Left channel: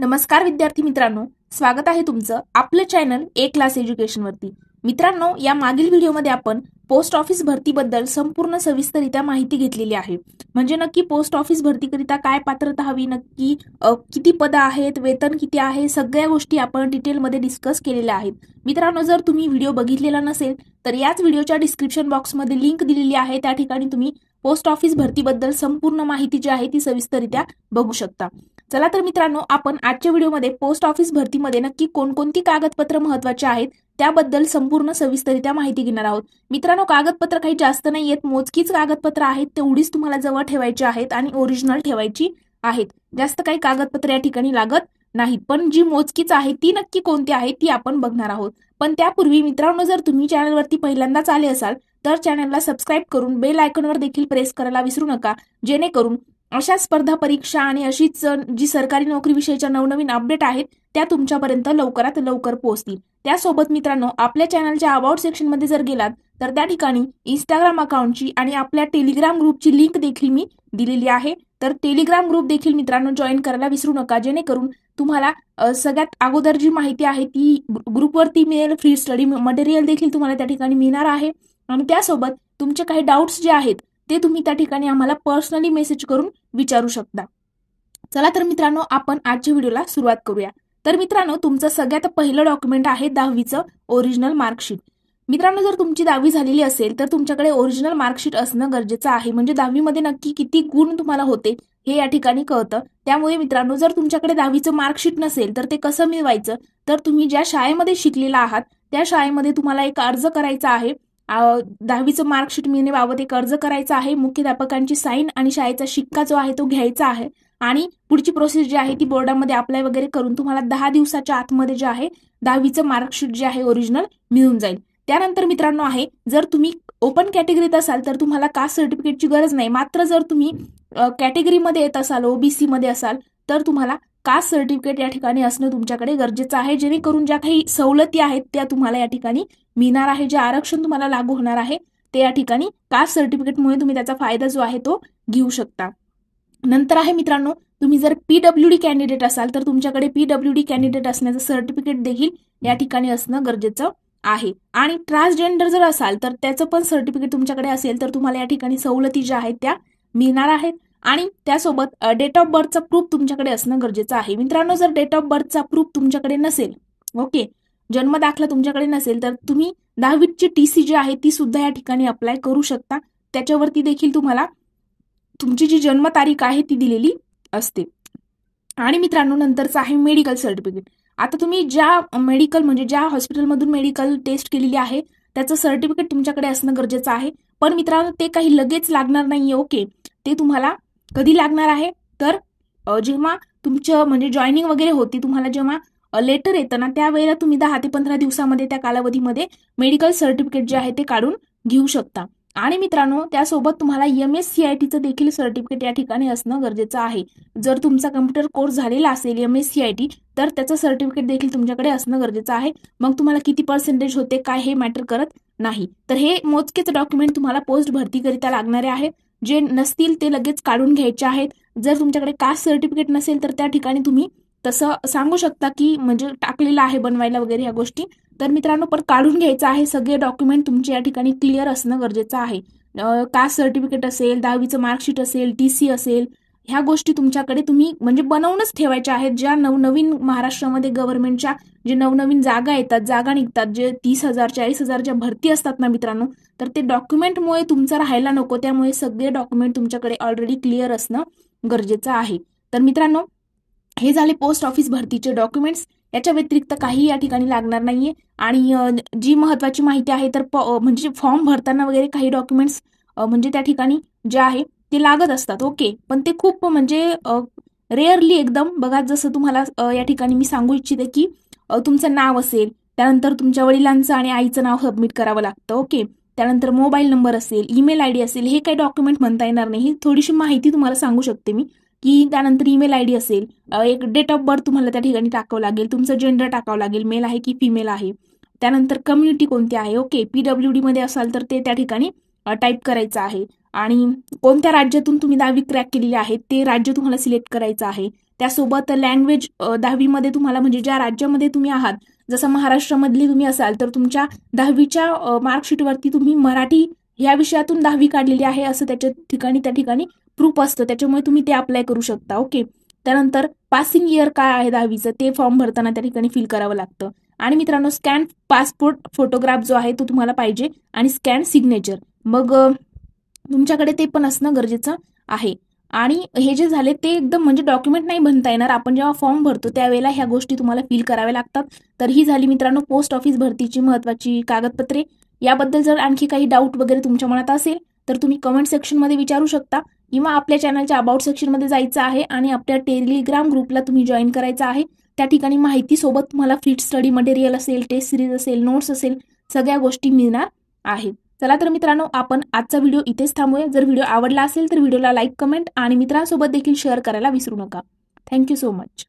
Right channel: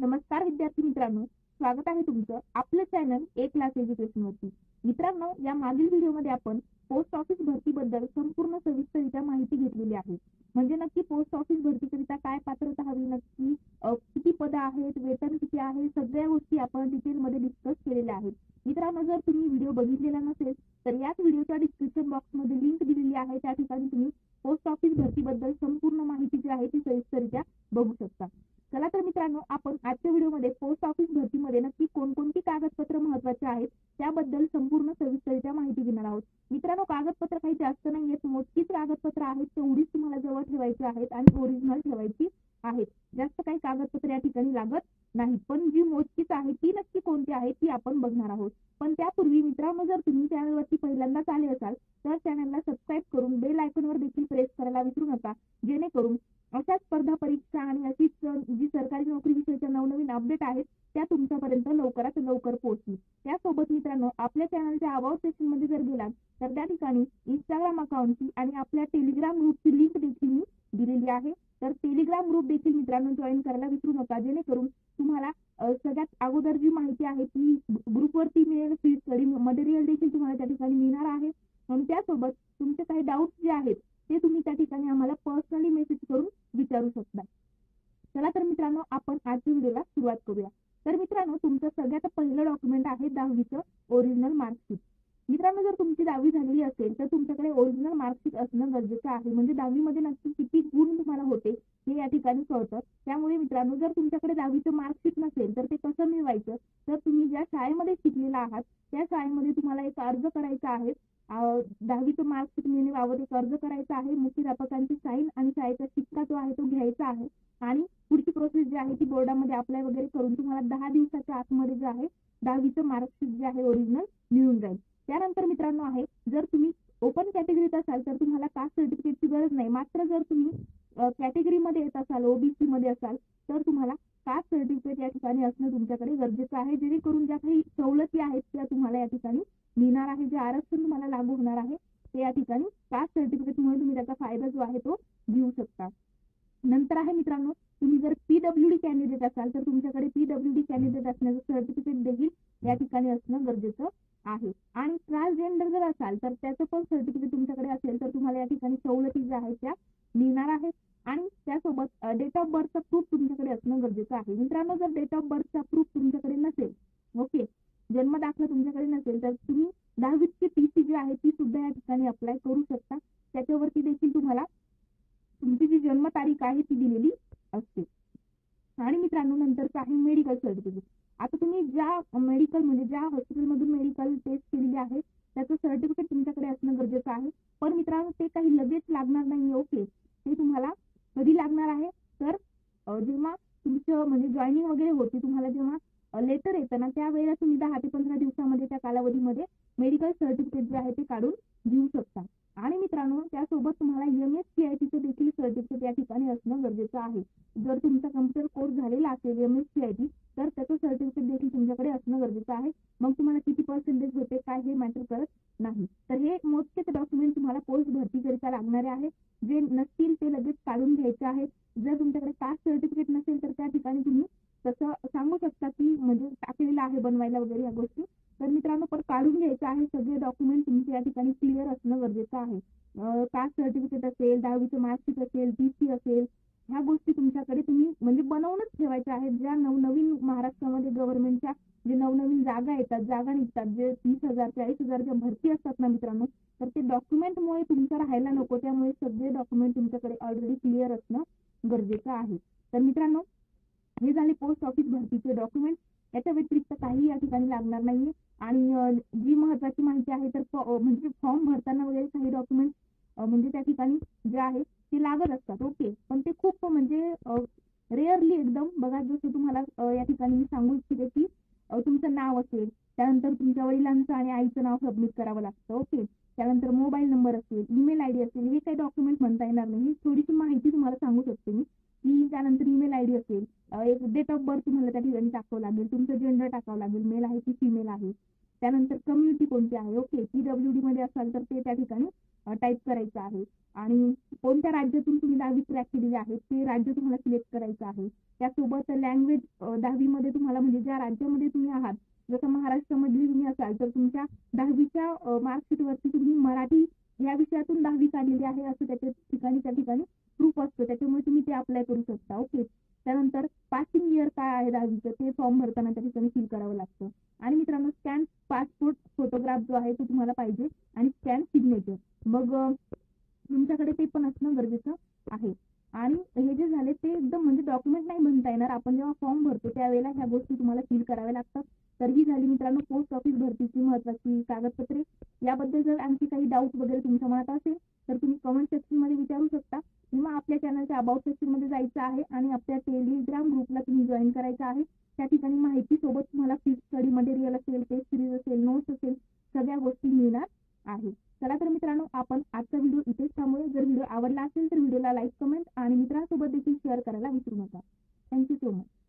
नमस्कार विद्यार्थी मित्रांनो, स्वागत आहे तुमचं आपलं चॅनल ए क्लास एज्युकेशन वरती। मित्रांनो, या मागील व्हिडिओमध्ये आपण पोस्ट ऑफिस भरतीबद्दल संपूर्ण सविस्तररित्या माहिती घेतलेली आहे। म्हणजे नक्की पोस्ट ऑफिस भरतीकरिता काय पात्रता हवी, नक्की किती पद आहेत, वेतन किती आहे, सगळ्या गोष्टी आपण डिटेलमध्ये डिस्कस केलेल्या आहेत। मित्रांनो, जर तुम्ही व्हिडिओ बघितलेला नसेल तर याच व्हिडिओच्या डिस्क्रिप्शन बॉक्समध्ये लिंक दिलेली आहे, त्या ठिकाणी तुम्ही पोस्ट ऑफिस भरतीबद्दल संपूर्ण माहिती जी आहे ती सविस्तररित्या बघू शकता। चला तर मित्रांनो, आपण आजच्या व्हिडिओमध्ये पोस्ट ऑफिस भरतीमध्ये नक्की कोणकोणती कागदपत्र महत्त्वाची आहेत त्याबद्दल संपूर्ण सविस्तररित्या माहिती घेणार आहोत। मित्रांनो, कागदपत्र काही जास्त नाहीयेत, मोजकीच कागदपत्र आहेत, तेवढीच तुम्हाला जवळ ठेवायची आहेत आणि ओरिजिनल ठेवायची आहेत। जास्त काही कागदपत्र या ठिकाणी लागत नाहीत, पण जी मोजकीच आहे ती नक्की कोणती आहे ती आपण बघणार आहोत। पण त्यापूर्वी मित्रांनो, जर तुम्ही चॅनलवरती पहिल्यांदाच आले असाल तर चॅनलला सबस्क्राईब करून बेल आयकॉनवर देखील प्रेस करायला विसरू नका, जेणेकरून अशा स्पर्धा परीक्षा आणि अशीच जी सरकारी नोकरी विषयीच्या नवनवीन अपडेट आहेत त्या तुमच्यापर्यंत लवकरात लवकर पोहोचतील। त्यासोबत मित्रांनो, आपल्या चॅनलच्या अबाउट सेक्शनमध्ये जर गेलात तर त्या ठिकाणी इंस्टाग्राम अकाउंटची आणि आपल्या टेलिग्राम ग्रुपची लिंक देखील मी दिलेली आहे, तर टेलिग्राम ग्रुप देखील मित्रांनो जॉईन करायला विसरू नका, जेणेकरून तुम्हाला सगळ्यात अगोदर जी माहिती आहे ती ग्रुपवरती मिळेल, फ्री स्टडी मटेरियल देखील तुम्हाला त्या ठिकाणी मिळणार आहे आणि त्यासोबत तुमचे काही डाऊट्स जे आहेत ते तुम्ही त्या ठिकाणी आम्हाला पर्सनली मेसेज करून विचारू शकता। चला तर मित्रांनो, आपण आजच्या व्हिडिओला सुरुवात करूया। तर मित्रांनो, तुमचं सगळ्यात पहिलं डॉक्युमेंट आहे 10वीचं ओरिजिनल मार्कशीट। मित्रांनो, जर तुमची 10वी झालेली असेल तर तुमच्याकडे ओरिजिनल मार्कशीट असणं गरजेचं आहे, म्हणजे 10वी मध्ये नक्की किती गुण तुम्हाला होते हे या ठिकाणी कळतं। त्यामुळे मित्रांनो, जर तुमच्याकडे 10वीचं मार्कशीट नसेल तर ते कसं मिळवायचं, तर तुम्ही ज्या शाळेमध्ये शिकलेला आहात त्या शाळेमध्ये तुम्हाला एक अर्ज करायचा आहे। 10वीचं मार्कशीट मिळण्याबाबत एक अर्ज करायचा आहे, मुख्याध्यापकांची साईन आणि शाळेचा शिक्का जो आहे तो घ्यायचा आहे आणि पुढची प्रोसेस जी आहे ती बोर्डामध्ये अप्लाय वगैरे करून तुम्हाला 10 दिवसाच्या आतमध्ये जे आहे 10वीचं मार्कशीट जे आहे ओरिजिनल मिळून जाईल। त्यानंतर मित्रांनो आहे, जर तुम्ही ओपन कॅटेगरीत असाल तर तुम्हाला कास्ट सर्टिफिकेटची गरज नाही, मात्र जर तुम्ही कॅटेगरीमध्ये येत असाल, ओबीसी मध्ये असाल तर तुम्हाला कास्ट सर्टिफिकेट या ठिकाणी असणं तुमच्याकडे गरजेचं आहे, जेणेकरून ज्या काही सवलती आहेत त्या तुम्हाला या ठिकाणी मिळणार आहे, जे आरक्षण तुम्हाला लागू होणार आहे ते या ठिकाणी कास्ट सर्टिफिकेटमुळे तुम्ही त्याचा फायदा जो आहे तो घेऊ शकता। नंतर आहे मित्रांनो, तुम्ही जर पीडब्ल्यूडी कॅन्डिडेट असाल तर तुमच्याकडे पीडब्ल्यूडी कॅन्डिडेट असण्याचं सर्टिफिकेट देखील या ठिकाणी असणं गरजेचं आहे आणि ट्रान्सजेंडर जर असाल तर त्याचं पण सर्टिफिकेट तुमच्याकडे असेल तर तुम्हाला या ठिकाणी सवलती ज्या आहेत त्या मिळणार आहेत आणि त्यासोबत डेट ऑफ बर्थचा प्रूफ तुमच्याकडे असणं गरजेचं आहे। मित्रांनो, जर डेट ऑफ बर्थचा प्रूफ तुमच्याकडे नसेल, ओके, जन्म दाखला तुमच्याकडे नसेल तर तुम्ही 10वीची टीसी जी आहे ती सुद्धा या ठिकाणी अप्लाय करू शकता, त्याच्यावरती देखील तुम्हाला तुमची जी जन्मतारीख आहे ती दिलेली असते। आणि मित्रांनो, नंतरचं आहे मेडिकल सर्टिफिकेट। आता तुम्ही ज्या मेडिकल म्हणजे ज्या हॉस्पिटलमधून मेडिकल टेस्ट केलेली आहे त्याचं सर्टिफिकेट तुमच्याकडे असणं गरजेचं आहे, पण मित्रांनो ते काही लगेच लागणार नाहीये, ओके, ते तुम्हाला कधी लागणार आहे तर जेव्हा तुमचं म्हणजे जॉईनिंग वगैरे होती, तुम्हाला जेव्हा लेटर येतं ना त्यावेळेला तुम्ही 10 ते 15 दिवसामध्ये त्या कालावधीमध्ये मेडिकल सर्टिफिकेट जे आहे ते काढून घेऊ शकता। आणि मित्रांनो, त्यासोबत तुम्हाला MSCITचं देखील सर्टिफिकेट या ठिकाणी असणं गरजेचं आहे। जर तुमचा कम्प्युटर कोर्स झालेला असेल MSCIT तर त्याचं सर्टिफिकेट देखील तुमच्याकडे असणं गरजेचं आहे। मग तुम्हाला किती पर्सेंटेज होते काय हे मॅटर करत नाही, तर हे मोजकेच डॉक्युमेंट तुम्हाला पोस्ट भरतीकरिता लागणारे आहेत, जे नसतील ते लगेच काढून घ्यायचे आहेत। जर तुमच्याकडे कास्ट सर्टिफिकेट नसेल तर त्या ठिकाणी तुम्ही तसं सांगू शकता की म्हणजे टाकलेलं आहे बनवायला वगैरे ह्या गोष्टी, तर मित्रांनो पण काढून घ्यायचं आहे। सगळे डॉक्युमेंट तुमचे या ठिकाणी क्लिअर असणं गरजेचं आहे। कास्ट सर्टिफिकेट असेल, 10वीचं मार्कशीट असेल, टीसी असेल, ह्या गोष्टी तुमच्याकडे तुम्ही म्हणजे बनवूनच ठेवायच्या आहेत। ज्या नवनवीन महाराष्ट्रामध्ये गव्हर्नमेंटच्या जे नवनवीन जागा येतात, जागा निघतात, जे 30,000 40,000 ज्या भरती असतात ना मित्रांनो, तर ते डॉक्युमेंटमुळे तुमचं राहायला नको, त्यामुळे सगळे डॉक्युमेंट तुमच्याकडे ऑलरेडी क्लिअर असणं गरजेचं आहे। तर मित्रांनो, हे झाले पोस्ट ऑफिस भरतीचे डॉक्युमेंट्स, याच्या व्यतिरिक्त काही या ठिकाणी लागणार नाहीये। आणि जी महत्वाची माहिती आहे तर म्हणजे फॉर्म भरताना वगैरे काही डॉक्युमेंट्स म्हणजे त्या ठिकाणी जे आहे ते लागत असतात, ओके, पण ते खूप म्हणजे रेअरली एकदम बघा। जसं तुम्हाला या ठिकाणी मी सांगू इच्छिते की तुमचं नाव असेल, त्यानंतर तुमच्या वडिलांचं आणि आईचं नाव सबमिट करावं लागतं, ओके, त्यानंतर मोबाईल नंबर असेल, ईमेल आयडी असेल, हे काही डॉक्युमेंट म्हणता येणार नाही। थोडीशी माहिती तुम्हाला सांगू शकते मी की त्यानंतर ईमेल आयडी असेल, एक डेट ऑफ बर्थ तुम्हाला त्या ठिकाणी टाकावं लागेल, तुमचं जेंडर टाकावं लागेल, मेल आहे की फिमेल आहे, त्यानंतर कम्युनिटी कोणती आहे, ओके, पीडब्ल्यूडी मध्ये असाल तर ते त्या ठिकाणी टाईप करायचं आहे आणि कोणत्या राज्यातून तुम्ही 10वी क्रॅक केलेली आहे ते राज्य तुम्हाला सिलेक्ट करायचं आहे। त्यासोबत लँग्वेज 10वीमध्ये तुम्हाला म्हणजे ज्या राज्यामध्ये तुम्ही आहात, जसं महाराष्ट्रामधली तुम्ही असाल तर तुमच्या 10वीच्या मार्कशीटवरती तुम्ही मराठी ह्या विषयातून 10वी काढलेली आहे असं त्या ठिकाणी प्रूफ असतं, त्याच्यामुळे तुम्ही ते अप्लाय करू शकता. ओके. त्यानंतर पासिंग इयर काय आहे 10वीचं ते फॉर्म भरताना त्या ठिकाणी फिल करावं लागतं. आणि मित्रांनो, स्कॅन पासपोर्ट फोटोग्राफ जो आहे तो तुम्हाला पाहिजे आणि स्कॅन सिग्नेचर. मग तुमच्याकडे ते पण असणं गरजेचं आहे. आणि हे जे झाले ते एकदम म्हणजे डॉक्युमेंट नाही बनता येणार, आपण जेव्हा फॉर्म भरतो त्यावेळेला ह्या गोष्टी तुम्हाला फिल कराव्या लागतात. तर ही झाली मित्रांनो पोस्ट ऑफिस भरतीची महत्त्वाची कागदपत्रे. याबद्दल जर आणखी काही डाऊट वगैरे तुमच्या मनात असेल तर तुम्ही कमेंट सेक्शनमध्ये विचारू शकता, किंवा आपल्या चॅनलच्या अबाउट सेक्शनमध्ये जायचं आहे आणि आपल्या टेलिग्राम ग्रुपला तुम्ही जॉईन करायचं आहे. त्या ठिकाणी माहितीसोबत तुम्हाला फ्री स्टडी मटेरियल असेल, टेस्ट सिरीज असेल, नोट्स असेल, सगळ्या गोष्टी मिळणार आहेत. चला तर मित्रांनो, आपण आजचा व्हिडिओ इथेच थांबूया. जर व्हिडिओ आवडला असेल तर व्हिडिओला लाईक, कमेंट आणि मित्रांसोबत देखील शेअर करायला विसरू नका. Thank you so much.